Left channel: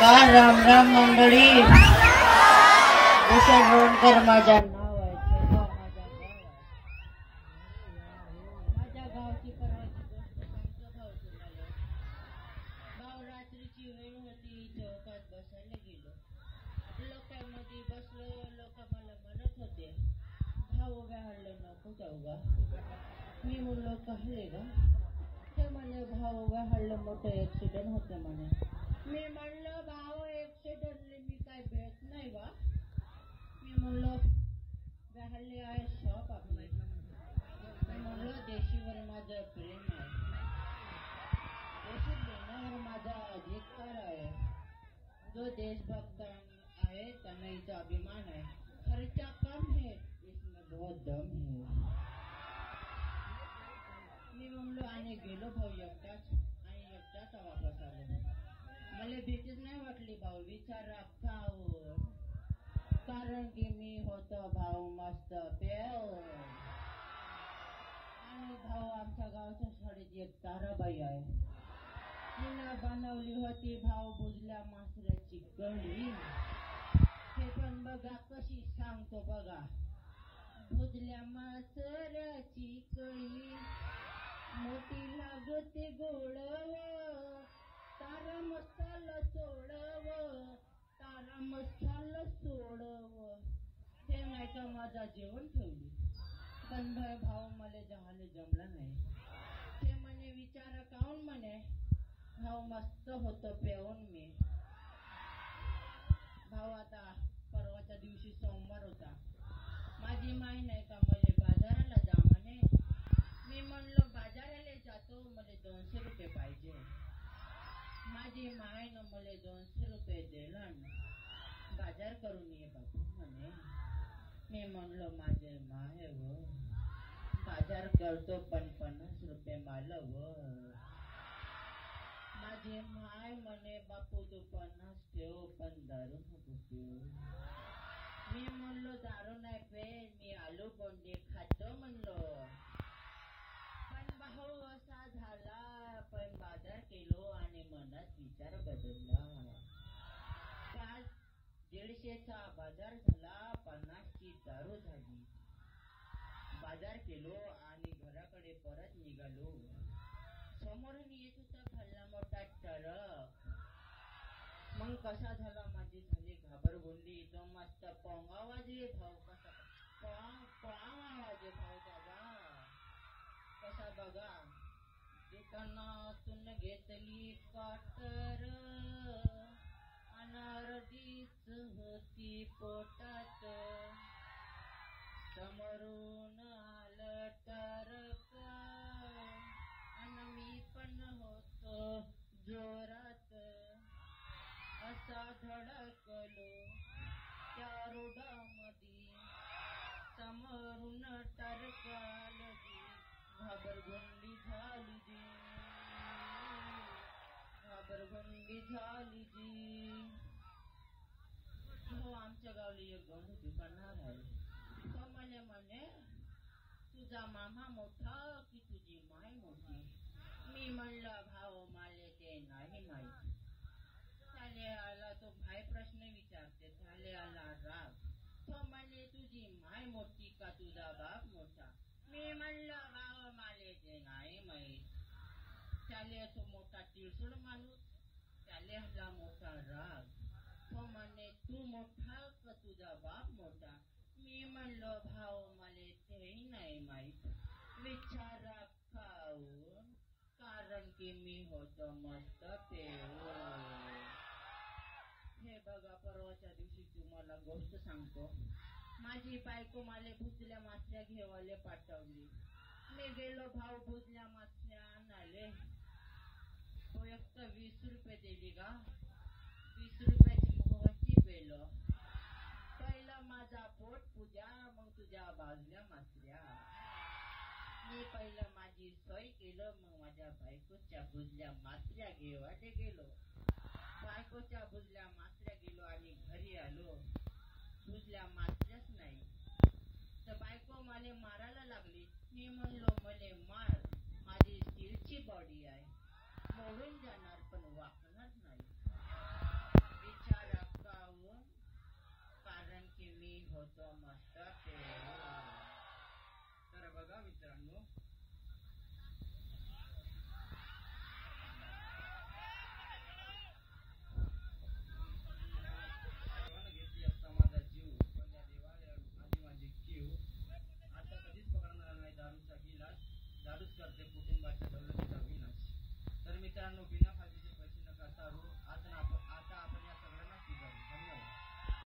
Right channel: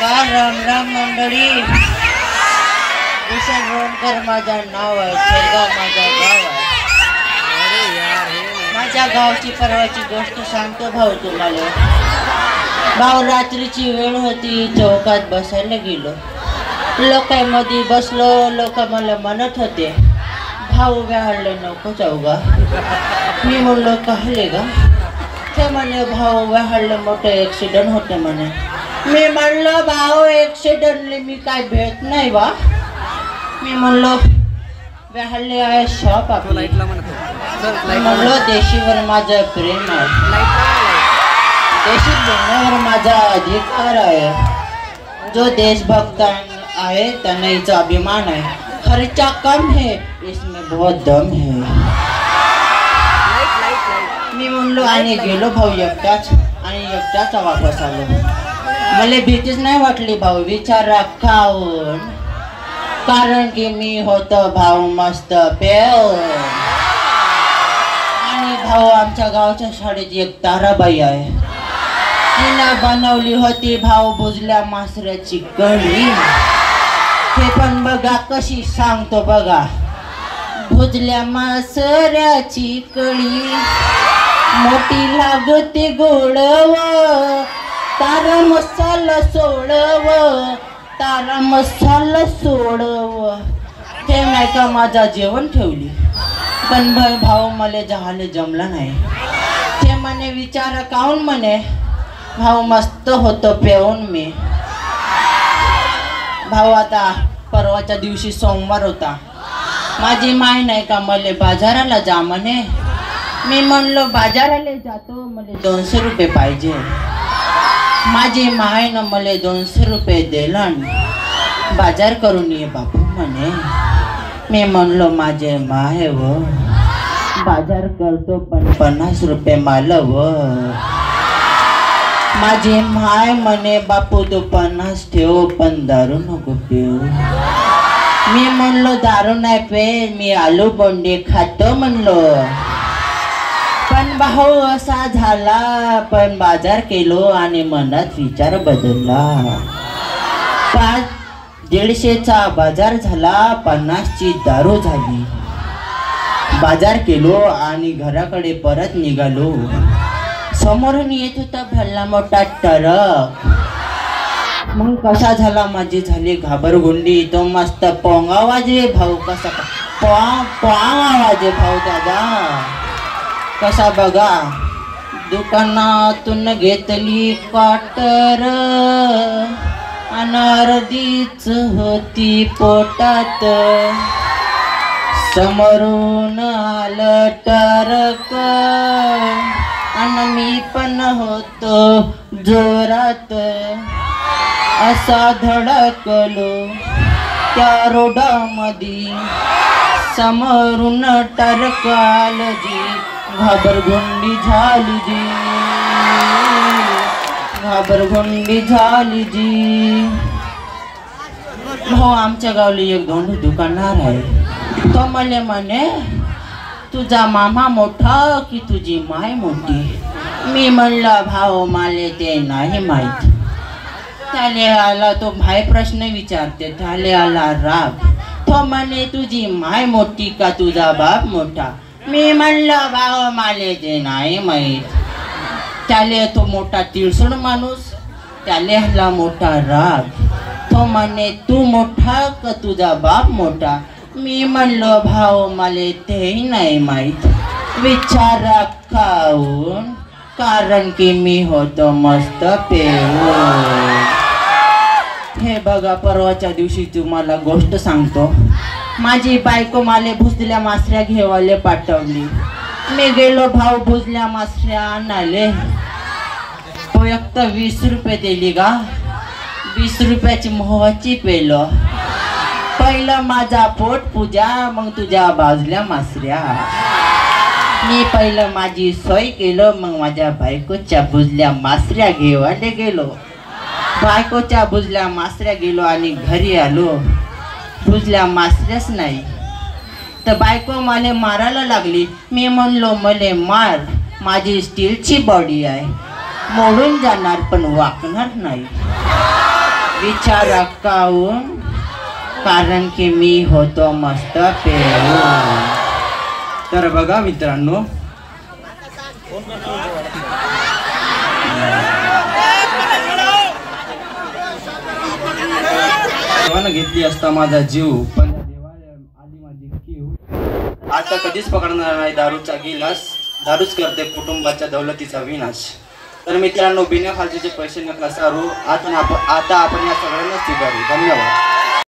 का राम राम मंडळी. उषा भोंडकर माझं नाव आहे. शेगाव माझा गाव आहे. माझ्या गावची परवाची गोष्ट सांगतो भाऊ तुम्हाला. भाऊ रात्रीची वेळ होती, चौकात बसायला गेलो. लोकांमध्ये बसलो. लोक मला म्हणत होते भाऊ व्याहळले नको जाऊ गा. मी म्हणलो कहले गा. ते म्हणे भाऊ व्याहळले मोठं ॲक्सिडेंट होते म्हणे. मी म्हणलं भाऊ ॲक्सिडेंटले मी काय भेट नाही बा. मी म्हणलो व्याहळले आहे शॉप आपली. मी म्हणलो देशीवर माझं प्रेम आहे. देशी बोलण्यावर माझा अधिकार आहे. जो देशभक्त आहे त्यांना हिचा अभिमान आहे. खर्चा कम है इसमें बहुत दम है. मी म्हणलो आणि गेलो भाऊ एकटाच. आणि एकटाच वापस आलो. मला भीतीच नाही वाटली भाऊ विचारा खाऊन. कारण की मी होतो भाऊ मस्त पेऊन. आणि भाऊ आमच्या गावच्या शाळेत एक ताराबाई आहे. तिनं बनवली होती भाऊ भुजल्या मासऱ्याची कढी. हे पण बघा कशी सांगतो बघा. भुजल्या मासऱ्याची कढी मोठी लागते गोडव. तारा मसाला सोडव. तारा मसाला सोडव. ते नाही का माझा जेवण ठेवली. पण भाऊ मला जहाले जमला नाही. ते म्हणे विचार काऊन म्हणे. भाऊ मस्त होतो पेऊन मी. भाऊ आता परवाच्या दिवशी सोमवार होता. माझी माय नाही का मला बाजाराला जा म्हणे. मी म्हणलो बाजाराला जातो मला 200 रुपये पाहिजे. माझी मायनं मला 200 रुपये दिला. बाजार करून ये बापू म्हणे. मी म्हणलो माझे माय व बाजार करतो पण 50 रुपये माल व. माझी माय म्हणे बापू तू 50 ठेव पण दारू नको पिऊ. मी म्हणलो दारू नाही पे मी आलू बोंडे खातो म्हणलो. पण भाऊ असा झाला. पण बाजार केलो आणि मनात विचार बदलला. 150चा बाजार झाला. 50ची दारू झाली. बाजार केलो आणि घराकडे परत निघालो. समोरून येत होता भल्ला मोठा ट्रक. मग कसा झाला माझी झाली घाबरगुंडी. तो मस्त पोंग आवाज आहे भाऊ. कसा पोंग आवाज आहे भाऊ दादा. कसा बघा दुकानातून घेतली क्वार्टर. अनारदीच होती पोटात. समोरून आलं ट्रक आणि मी पण होतो जोरात. असा धडकलो त्या रोडामध्ये. समोरून ट्रक आलं जी. घाबरगुंडी झाली जी. घाबरगुंडी झाली जी. हो आमच्या गावली एक धोंडू दुकानदार आहे. तो मला म्हणे तुझा मामा मोठा की तुझी माय मोठी. मी म्हणलं भाऊ मला ते नाही माहीत. त्याले आला तो भाई प्रश्न विचारते. त्याले आला राग. तो म्हणे तुझी माय मोठी का तुझा बाप मोठा. मी म्हणलं भाऊ मला ते नाही माहीत. त्याले तो मोठा तिळसुण माणूस. त्याले आला मोठा राग. तो म्हणे तू मोठा का तुझा बाप मोठा. मी म्हणलो भाऊ मला तेही नाही माहीत. विचारा खाऊन. कारण की मी होतो मस्त पेऊन. हे बघा परवाच्या दिवशी तुम्हाला गोष्ट सांगतो. माझी बायको मला भुजल्या मासऱ्या घेवाले पाठवली. मी गेलो भाऊ भुजल्या मासऱ्या आणाले. तो एक तर 20 रुपये दिली गा. 20 रुपयाची मोहाची पेलो. पहिलं माझा पोट पूजा मग तुझ्या भाजल्या मासऱ्या. मी पहिलं माझी सोय केलं. मग माझ्या बायकोच्या भुजल्या मासऱ्या घेवाले गेलो. बायकोच्या भुजल्या मासऱ्या गेलो आणि घरी आलो. भुजल्या मासऱ्याच नाही. तर बायको मला मारायला लागली. मी म्हणलो मले मार. माझी स्टीलची बॉडी आहे. मोडून जाणार पण वाकणार नाही. विचार काहून? कारण की मी होतो मस्त पेऊन. तर बघा मित्रांनो, देवानं घेतली असता माझा जीव, पण देवाने आली माझी कीव. आता कधीच पकडणार नाही दारूचा गिलास, दारूच करते कुटुंबाच्या दौलतीचा विनाश. तर मित्रांनो, बिना फालतूचे पैसे नका सारू. आता आपण या सगळ्यांना स्वीकारू. धन्यवाद.